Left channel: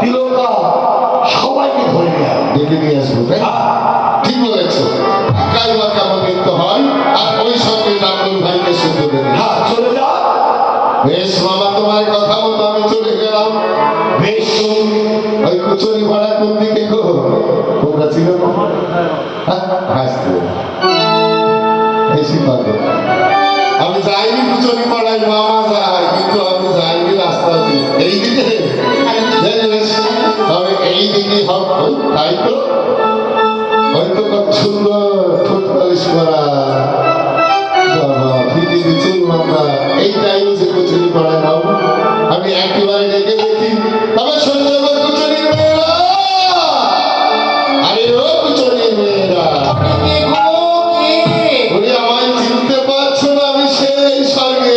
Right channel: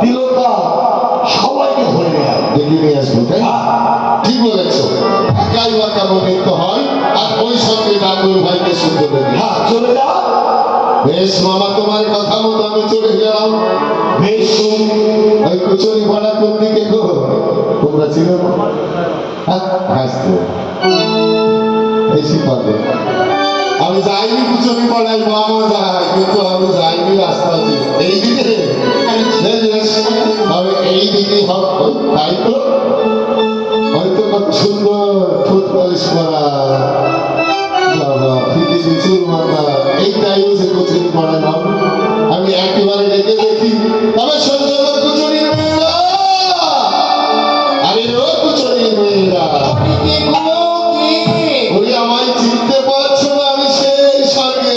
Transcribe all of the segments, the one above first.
তিলকা সবাইকে ধরে নিয়ে আসবে, ডেকে নিয়ে আসবো, তাই না? ঠিক বলেছো। একাই বা কেমন নৃত্য হয়, আর ওই সঙ্গে নাঙ্গল ভাইকে শুনতে দেবে। হ্যাঁ চলে যা। বেশ মামা, তোমার কথা মতো আমি চলে গেলাম। বেশ ওই কুচুরি ভাড়া কোন দিকে গো? তোমরা ছিল না? হাসতে বেশি পাবে। আমি যাইনি কুচুরি পাড়ায়, মামা যায়, কিন্তু আমি যাইনি রাস্তা দিয়ে এইদিকে। তবে এইদিকে হোক, তাই তো হয়তো কত সুন্দর ঠোঁট পালিশ করা, বাবা ফিটিনি চুল মাথা, এইটাই হচ্ছে কুচুরি পাড়ায় নাও। আমি একেবারে ডেকে দেখি, তবে সহ্য কর কুচুরি মেয়েরা। আরে ও কুচুরি মেয়েরা, ওরে আমায় চিনতে পারছো না? আমি সেই স্বর্গে।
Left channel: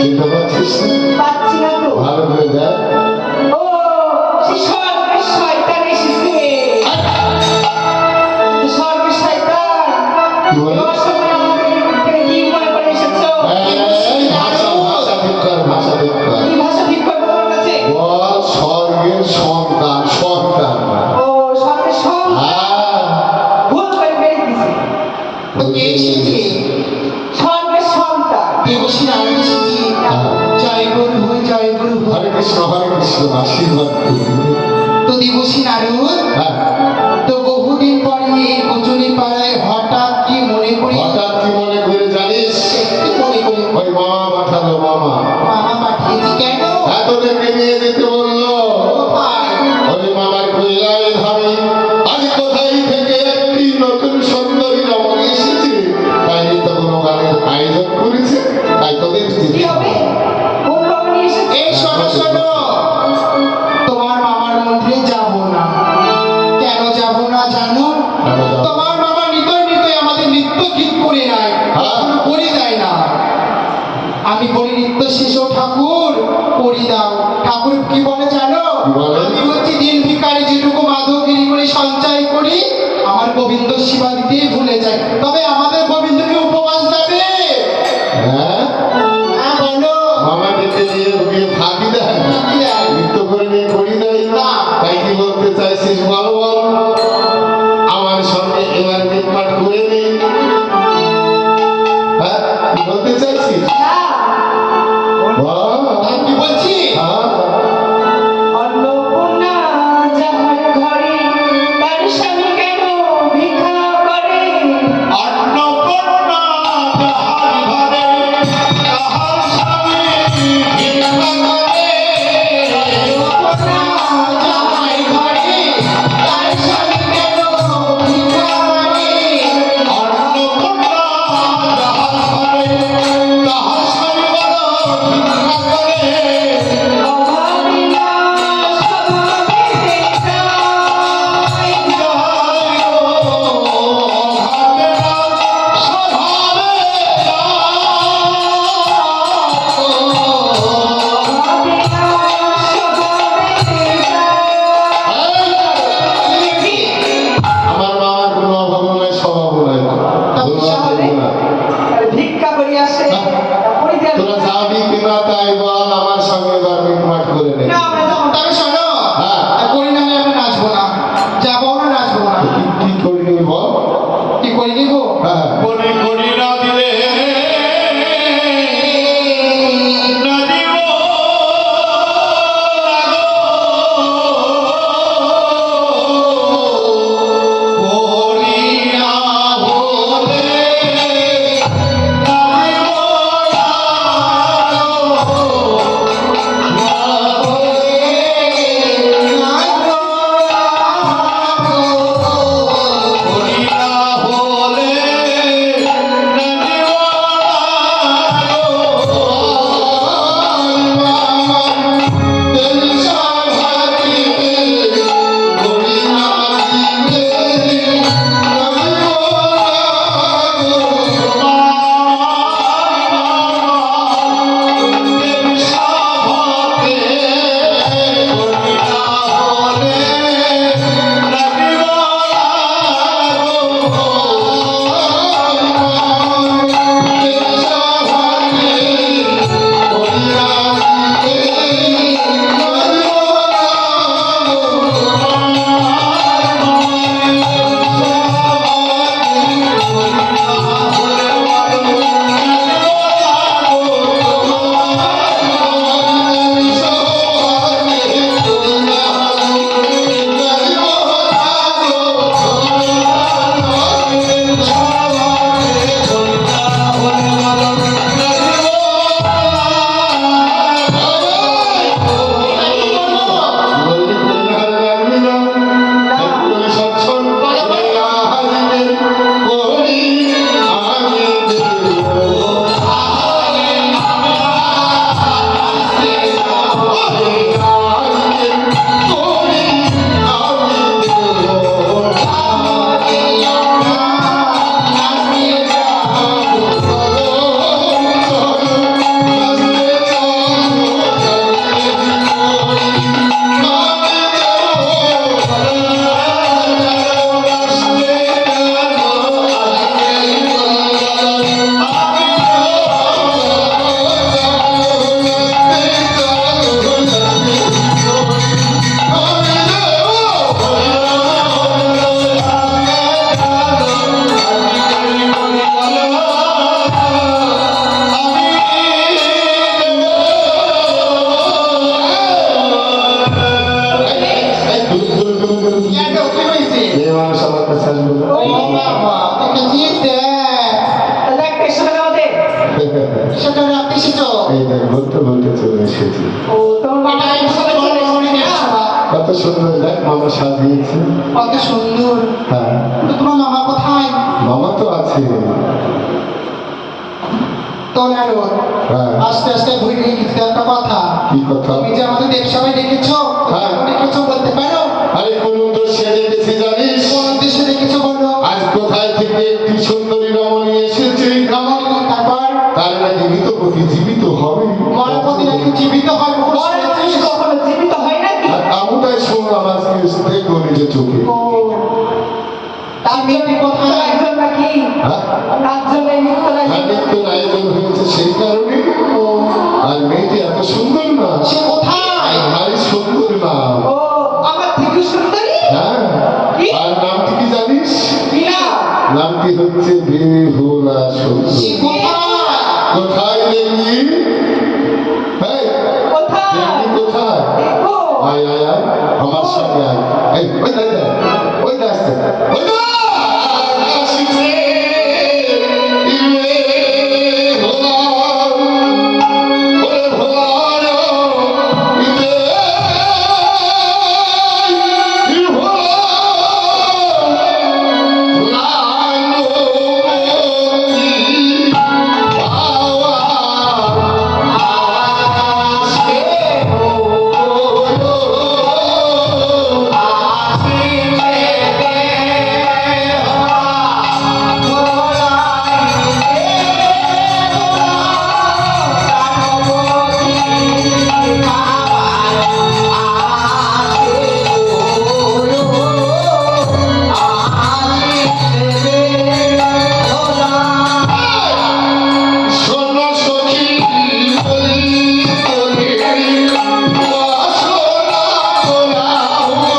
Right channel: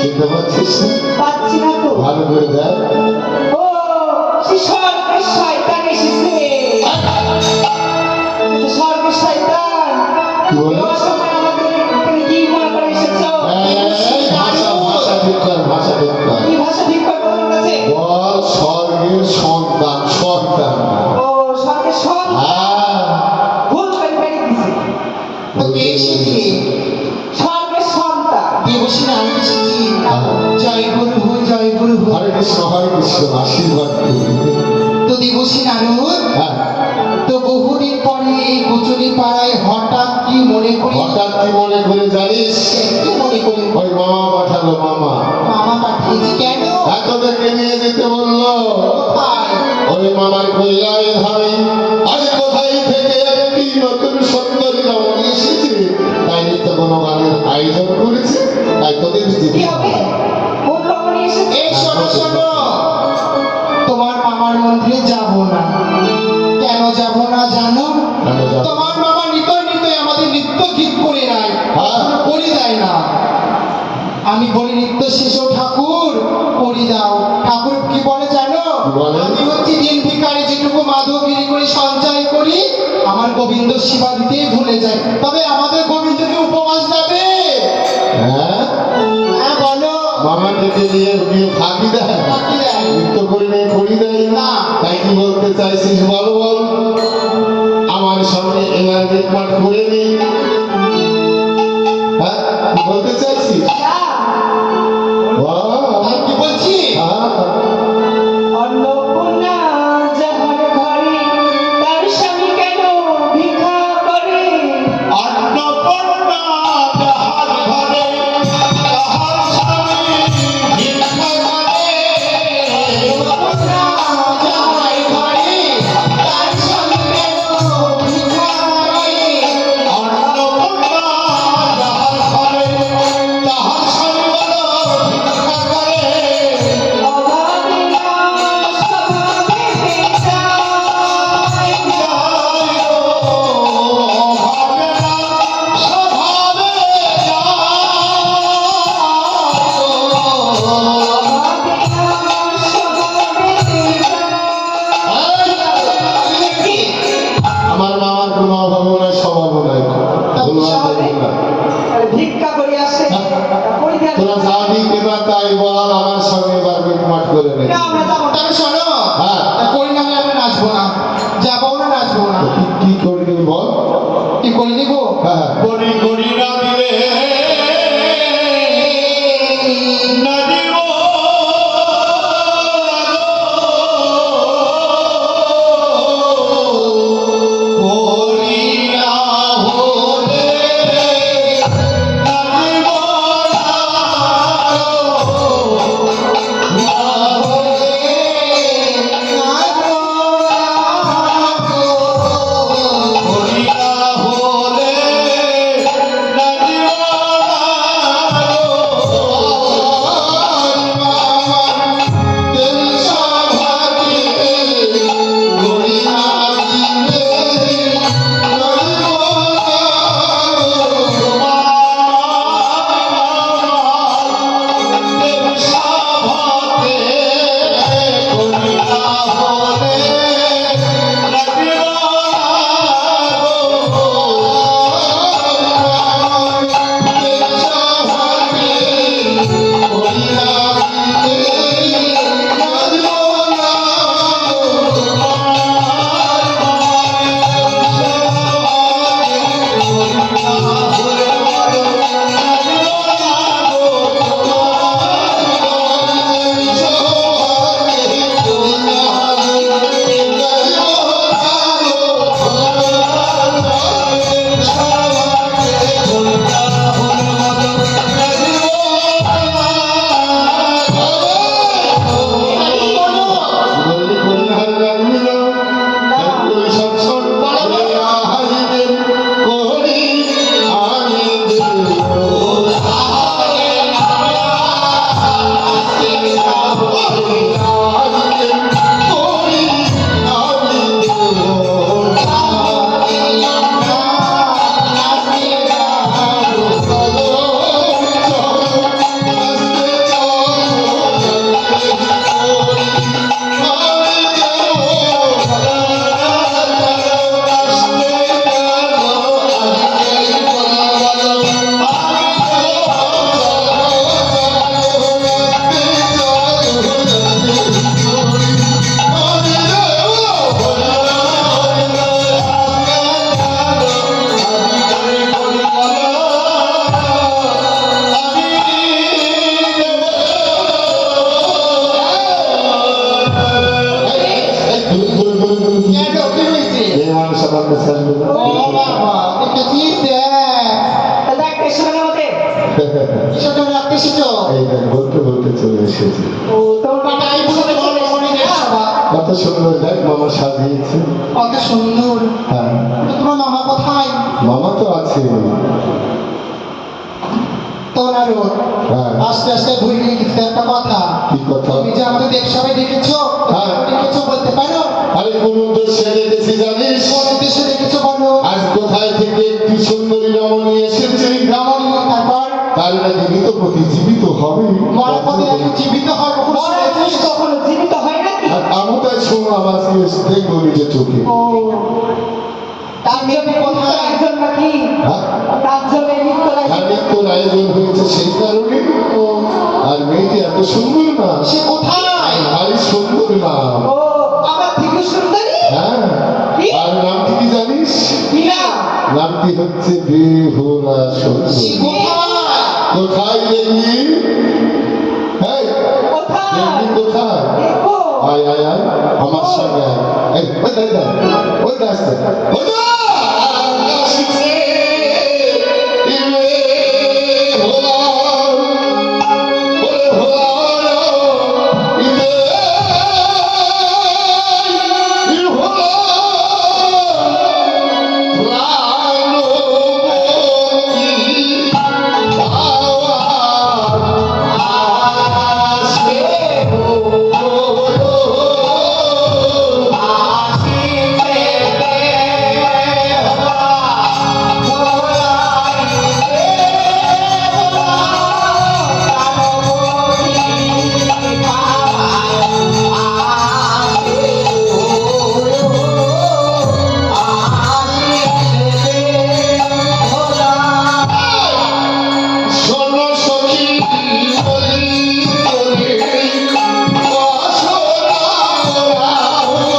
চিনতে পারছিস না? ভালো করে দেখ। কি বলে? ভাষা ভিক্ষার, ভাষা ভিক্ষার। বল স্বর্গের সন্তান, সন্তান না। হ্যাঁ, হরে কৃষ্ণ, হরে কৃষ্ণ, আশীর্বাদ করবি। তো দেবশ্রী নারদ, হ্যাঁ, তো বহুদিন পরে এই কুচুরি পাড়ায় হঠাৎ কি মনে করি, হঠাৎ কি মনে করে জানিস? কি মনে করি ওই মামা পাঠালো, মামা মামা পাঠিয়েছি কেন? এতদেরকে নিয়ে যেতে বললো। কোথায়? ওই মামার কইলাই ভাই, আজ কোথায় থেকে একটি নতুন সুন্দরী রমণী এসেছে, তাই তো কোনো গানের আয়োজন করেছে, তাই তোদের কি হবে? কোন রমণী এসেছে? এই শোনো শোনো, তোমার মামার মন্দিরে যাব না। কেন যাব না জানো? কেন যাবো? তোমার মামা নিতই নিতই আমাদের নৃত্য ঠিক করে নাই, হ্যাঁ। করি দেয় না। আমি বলি নৃত্য শেষ ও ঠাকুর করি দাও। ঠাকুর কি বলে জানো? কি বলে? আমি হচ্ছি দিন ভিখারি, যেটুকু মাধবগিরি করে সঞ্চয় করি আমার গোবিন্দ সেবা দিতেই ভুলে যায়। তবে আমাদের গোবিন্দকে উপবাস দেবে। হ্যাঁ, হ্যাঁ বলো। মামা ডেকে নিয়ে গিয়ে ফাঁকি দেয়, ফাঁকি দেয়। নৃত্য করে নিয়ে করি দেয় না। তাই কি বলতে চাইছিস বল বল? আমার সঙ্গে এবার পাঠ করে নেই। হ্যাঁ, কি বলতে চাইছিস? বল। আমি কি বলছি? হ্যাঁ, অন্নপূর্ণা যাহার ঘরে তার স্বামী কেন ভিক্ষা করে? অন্নপূর্ণা যাহার ঘরে তাহার স্বামী ভিক্ষা করে। অন্নপূর্ণা যাহার ঘরে তার স্বামী কেন ভিক্ষা করে। অন্নপূর্ণা যাহার ঘরে তাহার কাছে আসবে না? ও বাবা, দেখেছিস? দেখ পেছনে আমাদের সেটা রাখতে এসেছো? এই দেখ বলতে বলতে চলে এসেছি। ও তোমার মামা এটাই বুঝতে পারলো মনের সভা। কত সুন্দর দেখ মামা সাজিয়েছে। কত সুন্দর। হ্যাঁ, তো তোমার মামা কোথায়? মামা তো আছে। তোলার হ্যাঁ। আস্তে আস্তে ভুলে গেছে একটা কথা। কি কথা? তুমি যে আমাদের দেব সবাই দেখেছো, হ্যাঁ। দেখেছো বলতে পারো? আরে কোন উদ্দেশ্যে দেখেছি জানিস? কোন উদ্দেশ্যে দেখেছো বলো? আজ কোথায় থেকে একটি সুন্দরী রমণী এসেছে, রমণী, তারপর তার নাকি মৃতপতি জীবিত হবে। মরাপতি নাকি জীবিত হয় কখন মরা মানুষ শুনেছিস? কখনো জীবিত হয় নাকি? আর আমি তাই শুনলাম আজকে দেখবো নিজের চোখে। ও তার জন্য কোথায়? একজন নাকি হ্যাঁ, তার জন্য মৃত্যু আর মৃত্যুর আয়োজন হয়েছে সেই কারণে। আর মেয়েটি এত সুন্দর না, সে কোথায়? ভারী সুন্দর না। ও আমার থেকে সুন্দরী হ্যাঁ, কি? আর নামটি কি জানিস? কি না নামটি হচ্ছে বেহুলা সে সুন্দরী। কোথায়? কোথায় দেখলি? হ্যাঁ, কোথায় দেখলি কোথায়? ও আয় আয় আয় আমার সঙ্গে আয়। এই ওই দেখ দেখ, ওই দেখ আসতে, ওই দেখ! আসছে বেহুলা, ওরে ভোলা, ইতে বেহুলা, প্রাণপতি পাওয়া আসে শোনো সখী বলি বলি বাসনা তোরা মনে।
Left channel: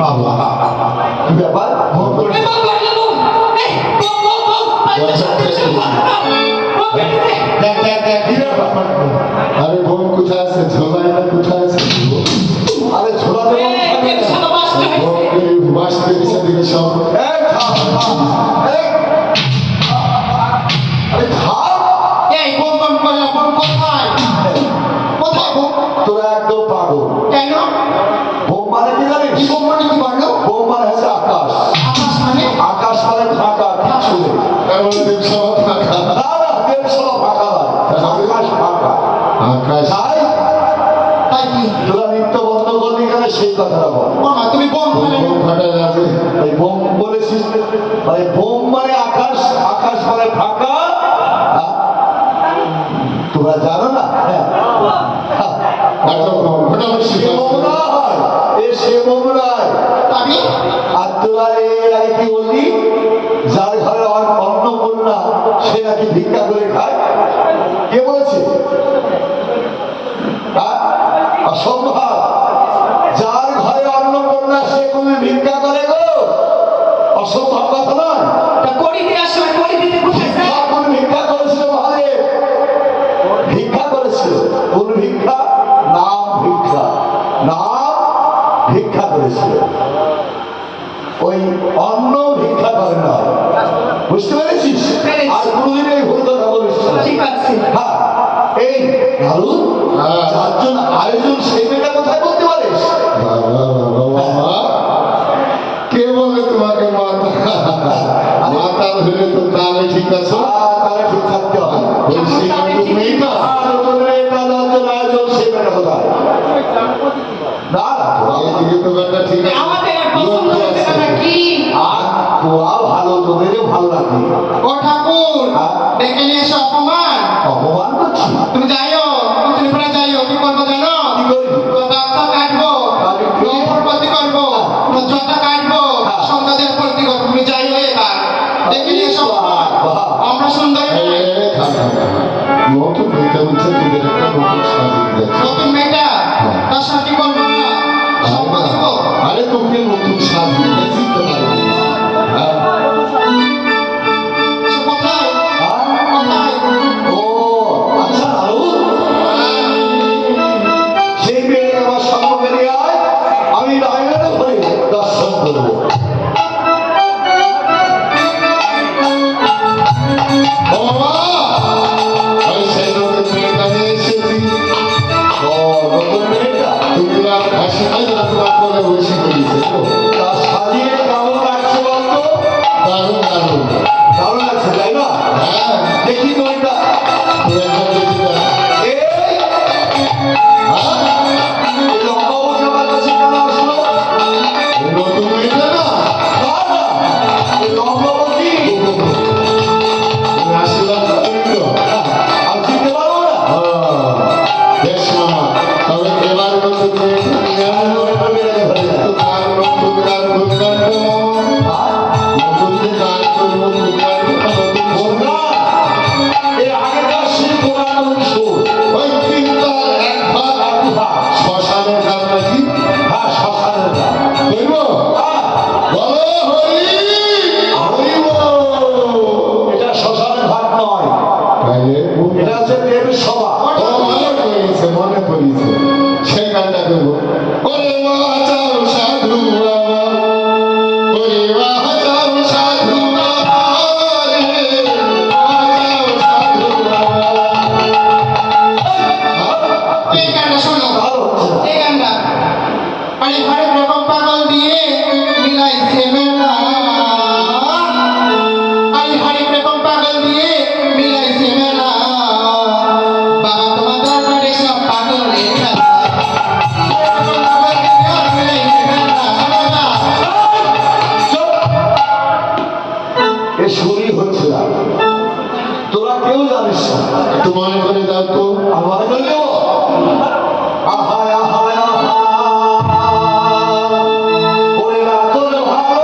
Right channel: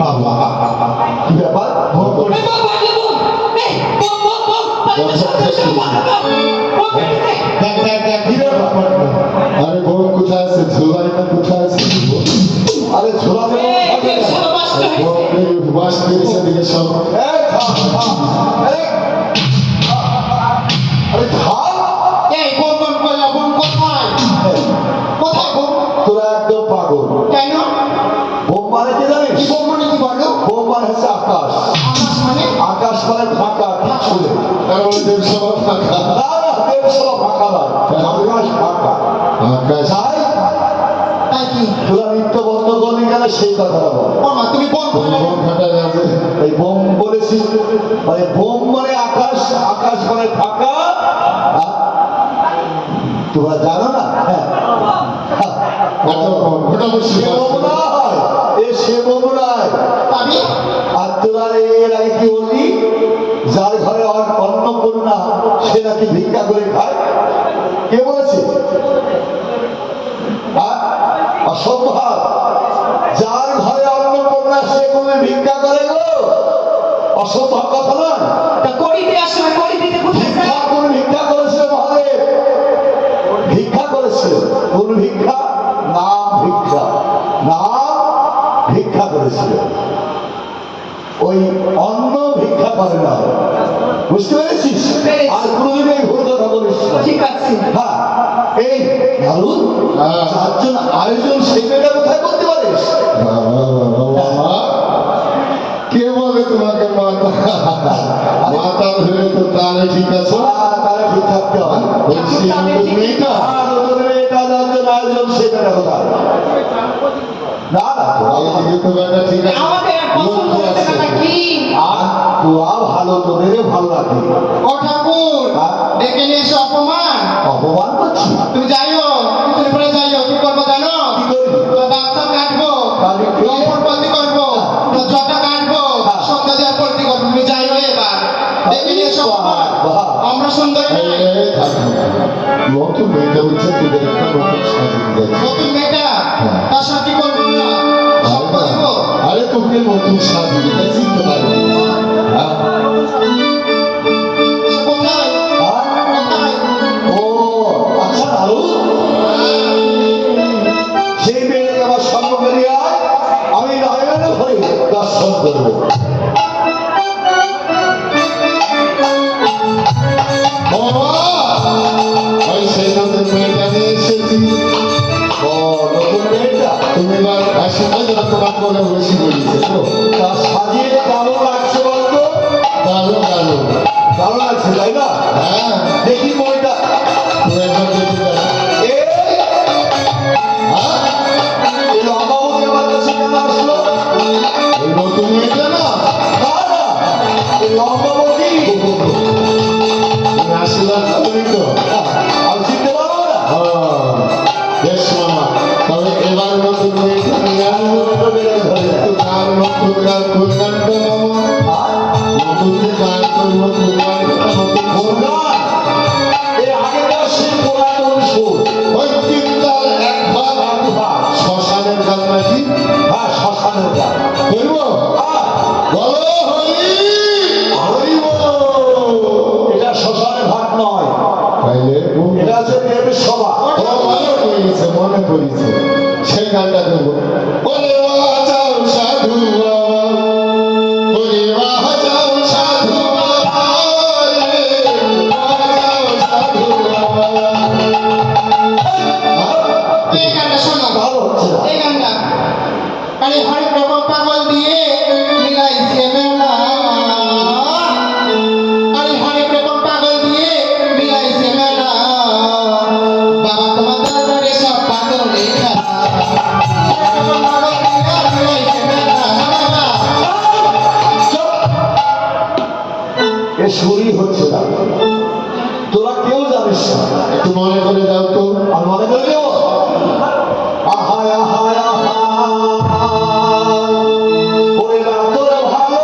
বাবা কি ব্যাপার ভোগ করে দেখ দেখ দেখ কি ব্যাপার? আরে বউ কোথায় আছে? ধোলাই না কোথায় আছে? কি তোরা নৃত্য বন্ধ করলি কেন সেই কথাটা বল। ও মা তুমি বোম ফাটালে বোম ফাটালে আছে। এই বোম বলেছিস মানে বোম মানে আকাশ, আকাশ মানে ফাঁকা। হ্যাঁ? তোরা জানো না? হ্যাঁ। হ্যাঁ। একটা বোম ফাটালে সে বোম নয়, এ সে বোম নয়। পাবি আর তোরা এর আগে কি বললি? যার ঘরে অন্নপূর্ণা সে নাকি ভিক্ষা করে খায়। কে বলেছে? হ্যাঁ? অসম্ভব। যার ঘরে অন্নপূর্ণা সে তুমি ভিক্ষা করে গো, অসম্ভব কথা নয়। তা করি দেওয়ার সময় করি দিতে কোথায় যায়? কোন ভিক্ষা করেছিল মহাদেব? ভিক্ষা করেছিল। কোন ভিক্ষা? নাম ভিক্ষা। নাম ভিক্ষা করেছিল। ওই অন্ন ভিক্ষা করে না। বুঝতে পেরেছিস? পেরেছি। আর কোনদিন এই ভুল কথা বলিস না। ঠিক আছে। হ্যাঁ, এই ভালো হ্যাঁ। যার জন্য আয়োজন সেই মেয়েটা কোথায় বলতে পারিস? কে বলে তোমাকে মাতা? মাতা ধরে তো তাহলে ঠিক আছে। তারা ঠিক থাকতে হবে। বলছি আমি তো মেয়েটা। আর নতুন মেয়েটা যার জন্য আয়োজন সেই মেয়েটা কোথায়? না না, এদিকে তো ব্যাটা ঠিক আছে। আমাদের পছন্দ হচ্ছে না নাকি? আর তোরা ভালো, তোদেরও ভালো লাগে। ও ঠাকুর হ্যাঁ? ডেকে নিয়ে এসে অপমান অপমান করছি? তুমি যাইও তুমি পরে যাইও কি করবো জানো কি করি? তো দাঁতটা কাটবো কাটবি? লম্বর প্রতি করবো তো জটা কাটবো হ্যাঁ। সন্ধ্যা দেওয়ার প্রতি করবো তুমি যাইও এবার ডেকে নিয়ে এসে অপমান বাহ। আমরা সুন্দরী এই, নই। এই, থাক, থাক, থাক। নতুন মেয়েটা হচ্ছে তোদের একটা নতুন সাজিয়ে দিয়েছে। নতুন মেয়েটা হ্যাঁ। তার সাথে করবো না সব দিব আরে তোকে নতুন সাজিয়ে দিয়েছি তো পারবি। হ্যাঁ। কোথায় হ্যাঁ? কোথায় ও আচ্ছা লালু, সেই মেয়েটাকে আমার সম্মুখে নিয়ে আয়, আমি নয়নে ভরে দর্শন করবো। বাবা, আমি সেই নতুন মেয়েটা নিয়ে এসেছি। ও নতুন মেয়েটা, তুমি না হাসি খাই না তোমার করে বসে গেছে তো। তা সাজিয়ে কেমন লাগছে বলতো? দারুণ দারুণ। ভালো লাগছে তাই না? হ্যাঁ, দেখি মেয়েটা। তুই একবার দেখে যা। এই হ্যাঁ? এই লম্বা বসে আমার কাছে কেন আসলো? এই নতুন মেয়েটা না, না না, এই লম্বা বসি তুমি আসলাম তুমি তো। আমি চিনতে পারবো না। বেশ মামা, তবে এবার নতুন মেয়েটা নিয়ে আসবো। একটু গান নতুন গান করবেন তো মামা। আর নতুন যে গান করবো নতুন গানটা নতুন করবো। এর আগেকার সেই পুরানো সুর। ওই তিনটার এক ভাগ এক ভাগ। শ্মশানের গান নাকি হ্যাঁ, শ্মশানের গান। করবো। হ্যাঁ, বলো হরি হরি বল। এটা শ্মশানের ভাগ নয়, তাহলে এটা হচ্ছে দেবের সভা। মনে পড়েছে সেই গানটা করবো। ওরে বাঁচাও সাধু বাবা, ওরে বাঁচাও সাধু বাবা, রে বাঁচাও সাধু বাবা। এই গানটা শোনো ভালো হচ্ছে না। এই গানটা আরে হরেক রকম পাগল দিয়ে মিলাইছে মেলা আরে হরেক রকম পাগল দিয়ে মিলাইছে মেলা বাবা তোমার দরবারে সব পাগলের খেলা হরেক রকম পাগল দিয়ে মিলাইছে মেলা বাবা চুপ! এ সুরই হচ্ছে না। তোরা কেউ জানিস না। একটু মনে করে দাও তো। আমি মনে করে দেবো। আহায় আহায় আহা, ওরে রাতর ভালো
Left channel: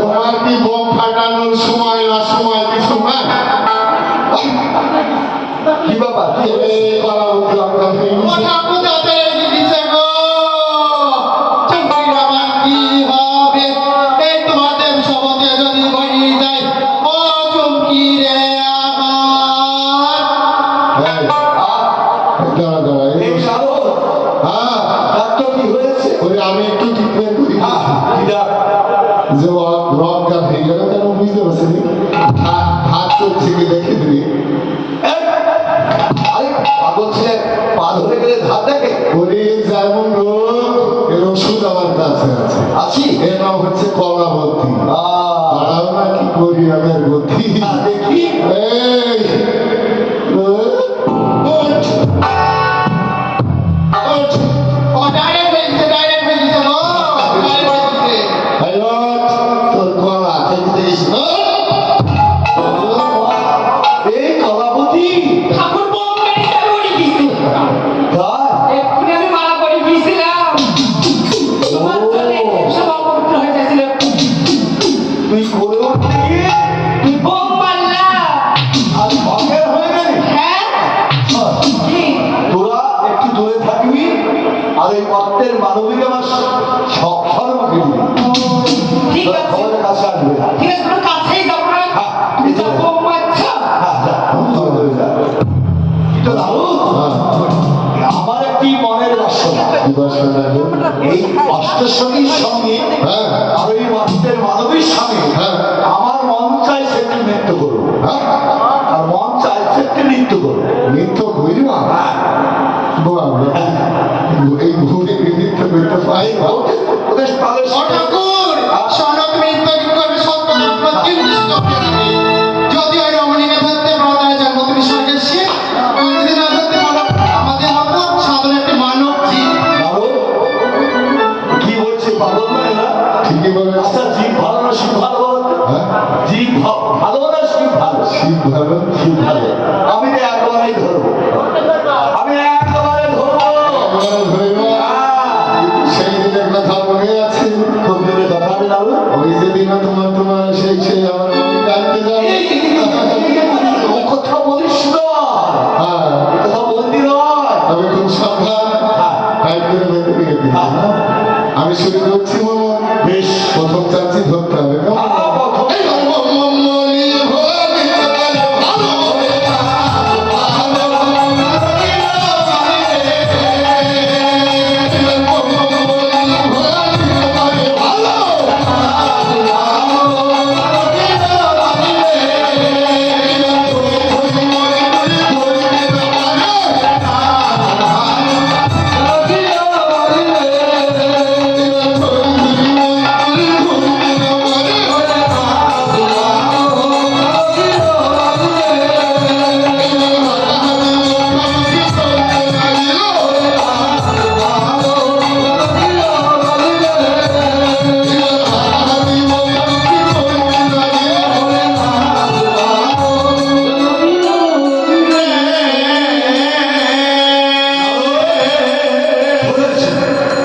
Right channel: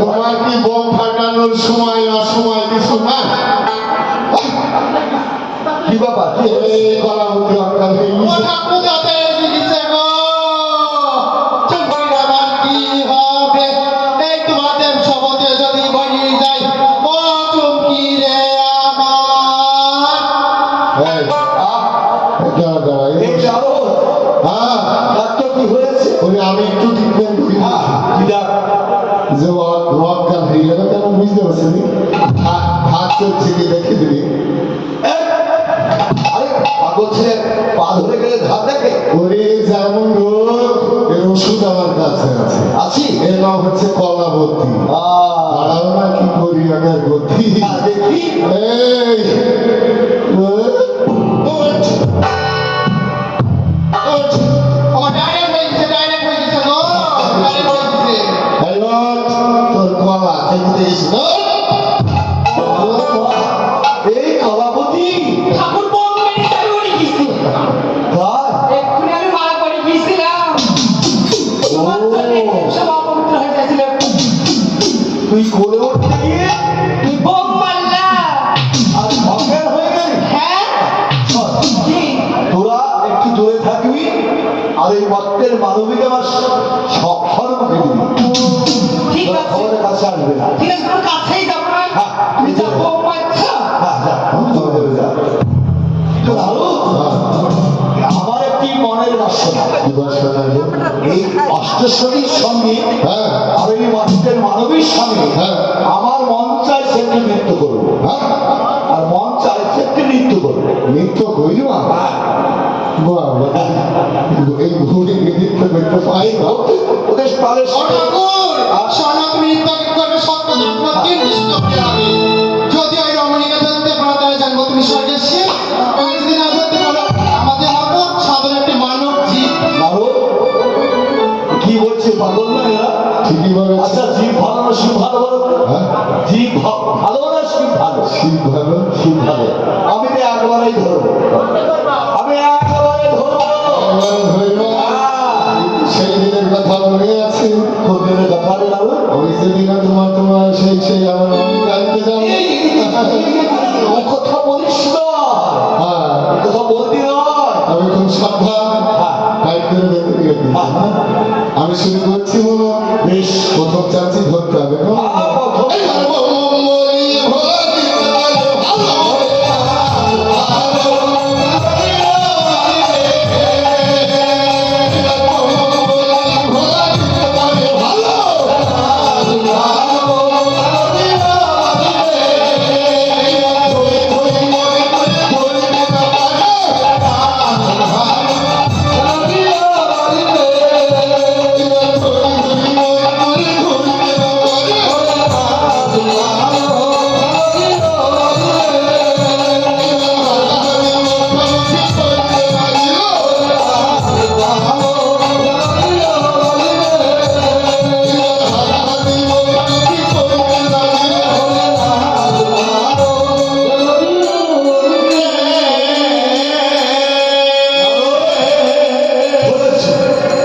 তোমার কি বোম ফাটানোর সময় না সময় কিছু না? কি ব্যাপার কি হয়েছে? এই কলাবতী আপনার ও ঠাকুর দাদা দিছে গো চুমকির আবার কি হবে এই তোমাদের সবতে যদি বাড়ি যায় ও চুমকি রে আমার এই, আহ, দাঁড়া, দাঁড়া, এই এই- যাবো হ্যাঁ, ডাক্তার কি হয়েছে ওরে আমি একটু ট্রিটমেন্ট করি কি ডাক? যে রক্তটা হয়ে গেল কেন বুঝতে পারছি নি? হাত চলছে কি দেখে দিবি এই, আরে পাগল ছেলে পা ধরে গেলে ধার দেখে ওরে যেমন রোগ এর ওষুধ আমার কাছে আছে আছি এর নাম হচ্ছে কলাবতী দাঁড়াও না কি করি আমি আর গতি দেখি এই ওঠ, ওঠ। ও ডাইরেক্ট হয়ে গেছে গো ডাইরেক্ট হয়ে গেছে এই ওঠ, তোর কলা খেতে দিস এই কলাবতী ঠাকুর বোম মেরে উড়ে গেছে কার এক্ষুনি আমি মারা পড়ে গিয়েছিলাম তোমার জন্য সব অপবিত্র হয়ে গেছিল তুই করে উঠতে গিয়ে তুই বোম মারলা আর অজ্ঞান হয়ে গেলি হ্যাঁ কি তোরা একটু দূরে থাকবি আর এই মত্তের মানবিক আমার সর্বকে দিবি ঠিক তোরা আছে খবরের কাছে আসবে না ঠিক আছে তোর কাছেই যাবো না হ্যাঁ, তুমি যা ঠিক আছে। বোম মারছো হ্যাঁ, যা, তুই চলে যা। কিন্তু দারুণ, আমার একটি মনের বাসনা এই অষ্টসখীর সঙ্গে হ্যাঁ আর এই মন্ত্রের মানবীর সঙ্গে হ্যাঁ। আমার মন চাইছে একটু নৃত্য করবো হ্যাঁ আর মন চাইছে একটু নৃত্য করবো নৃত্য করি না এই ভুলে নৃত্য করতে পাই না ওদের তাহলে ও ঠাকুর শোনো তুমি ইত্যাদি করবে সব নির্দিষ্ট করে আমি যদি ওই রমণীকে ধরতে পারো তাহলে জানবো তুমি স্বর্গের শিব তুমি যদি না ধরতে পারো আমাদের মতো সাধারণ একটি মানব জীব দারুণ। কি বলছে পাগল না এরা ঠিকই বলেছে আচ্ছা জীব ভালো না শিব ভালো বলো তো? হ্যাঁ জীব ভালো না শিব ভালো শিব ভালো শিব ভালো আমি তো একবারেই ধরবো আমি একবারে ধরবো একবারে ধরে নেওয়া। সেই দিনের কথা মনে আছে খুব জোরে ব্যাপারে দাও ওই যেদিন তোমার সেই আমার গাড়িতে যাবে ও কথা বলিস না হ্যাঁ এ কথা বলতি নয় আমি খুব সাবধান টাইট করে বেঁধে দিয়ে দিই আমি শুরু করছি বলো বেশ প্রথম চাচ্ছি ধরতে হবে না এই বলি ভরি ভালো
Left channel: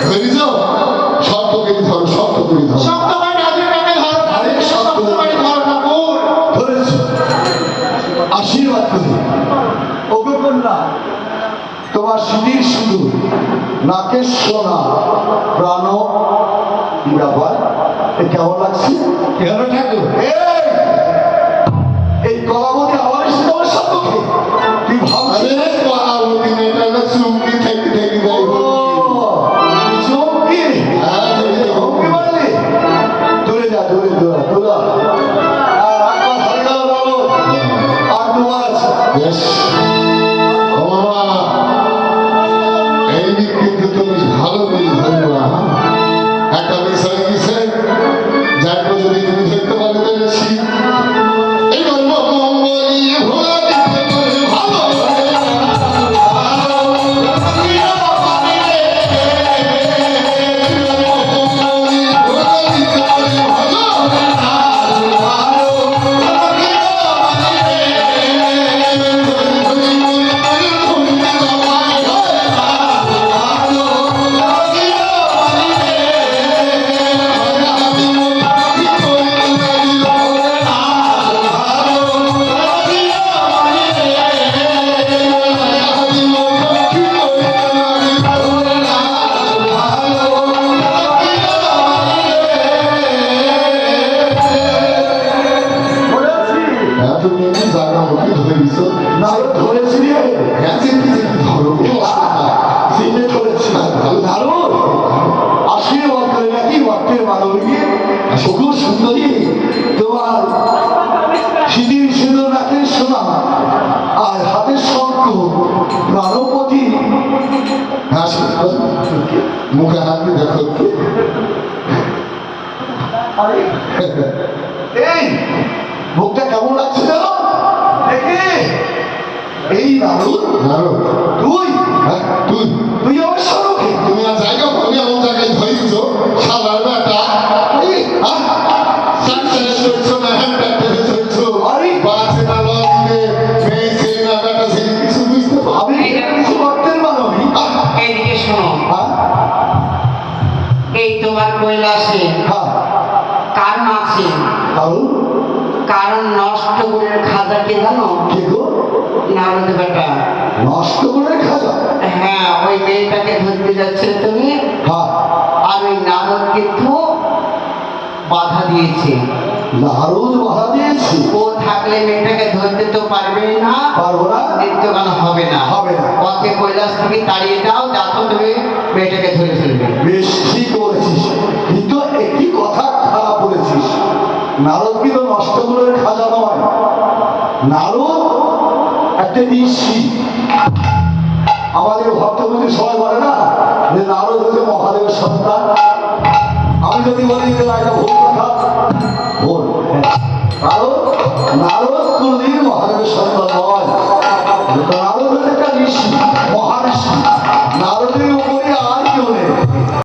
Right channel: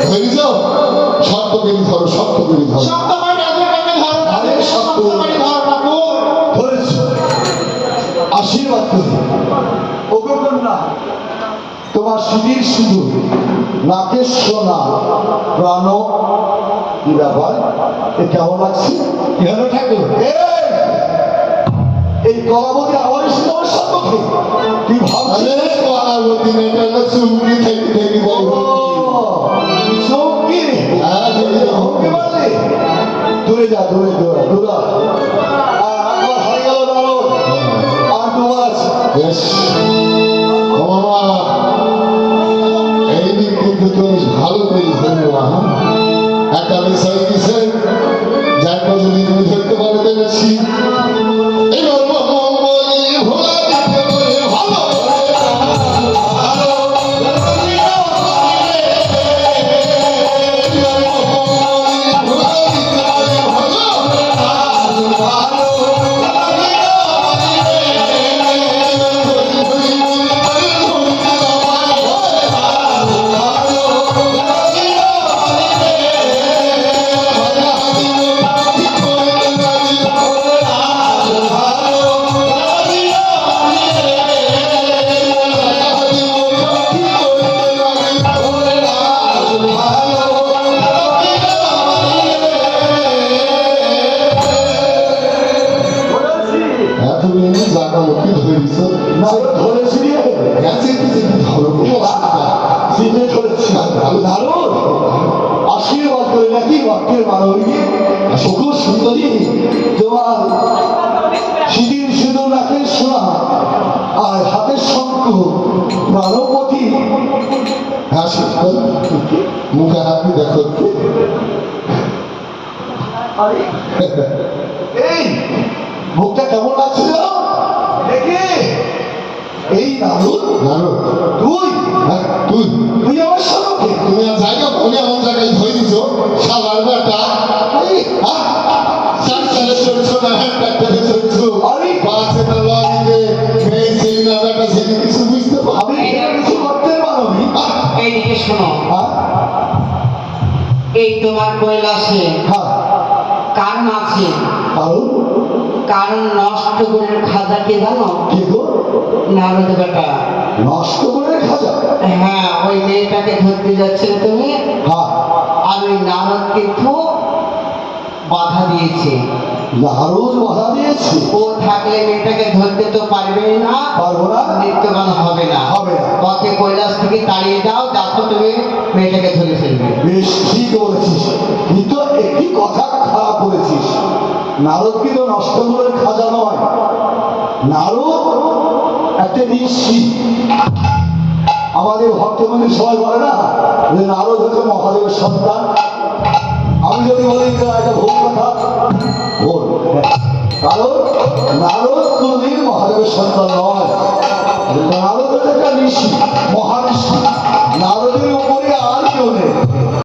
ধরে যাও শক্ত করে ধরো শক্ত করে ধরো শক্ত করে রাজুটাকে ধরো আরে শক্ত শক্ত করে ধরো ঠাকুর ধরেছি আশীর্বাদ করি ওগো কন্যা তোমার সুধীর শুধু নাকের সোনা প্রাণ কি ব্যাপার এ কেমন লাগছে কেন ঠাকুর এই কলাবতী আবার এসে তোমার সম্মুখে তুই ভাবছিস আরে কলাবতী মেয়েটা না চুমকি থেকে থেকে দেয় চমকি হ্যাঁ চমকে পারলে দূরে যা দূরে দূরে দূরে একবার হয়ে গেল দাঁড়ো আর তোমার আছে বেশ ও বাবা এই দিক কিন্তু তুমি ভালো করে ধরবা একটা বিষয় কিসে যার যদি তুমি ধরতে পারো তাহলে শিব এবার বলি ভোলা দিতে ভালো মুখে হাত দিয়ে দেখো একটু। আরে এই মুখটা কেমন লাগছে জানো দেখে এই নারদ জানো তুই হ্যাঁ তুই তুই আমার সড়কে তুমি আর জায়গা পাবে এমন জায়গায় ধরে দিচ্ছ সালার বেটা সংসারে চলছো না ডাক্তারে চলছো আরে বাসে না লরিতে মেয়ে ছেলে না বেটা ছেলে কিছু বুঝতে পারো আমি এখানে কিছু করতে মানবি এইদিকে শোনো, হ্যাঁ এই তোমার কৈলাসে হ্যাঁ কারণ আছে, কারণ কারণ নষ্ট গুণের খাজা কে জানো? কি গো নারদ বেটা। নষ্ট করে খাজা হ্যাঁ, ওই মেয়েটাকে ধরতে যাচ্ছিলে তুমি, হ্যাঁ আর ওই নারদ কিন্তু বাধা দিয়েছে। নারদ বাধা দিয়েছি ও থাকলে মেয়েটাকে ধরতে তো পারবে না, পারবো না নৃত্যগান হবে না। হবে না। ওকে কৈলাস থেকে তাড়িয়ে দাও, দেখো তুমি মেয়েটাকে ধরে ফেলবে। বেশ ঠিক বলেছিস কিন্তু একটি কথা খারাপ বলেছিস নারদ কিন্তু নষ্ট করে খাজা নয় নারদ একটা ঋষি আমাদের ভক্তবন্ধু সবাই বলে না যে নারদ হচ্ছে মহাদেবের সন্তান আমি যদি বলি যে একটা ভুল কথা ভুল কারণ নারদ কোনদিন মহাদেবের সন্তান নয় নারদ হচ্ছে একটা ঋষি মহাঋষি নারদের উপরে আর কেউ নেই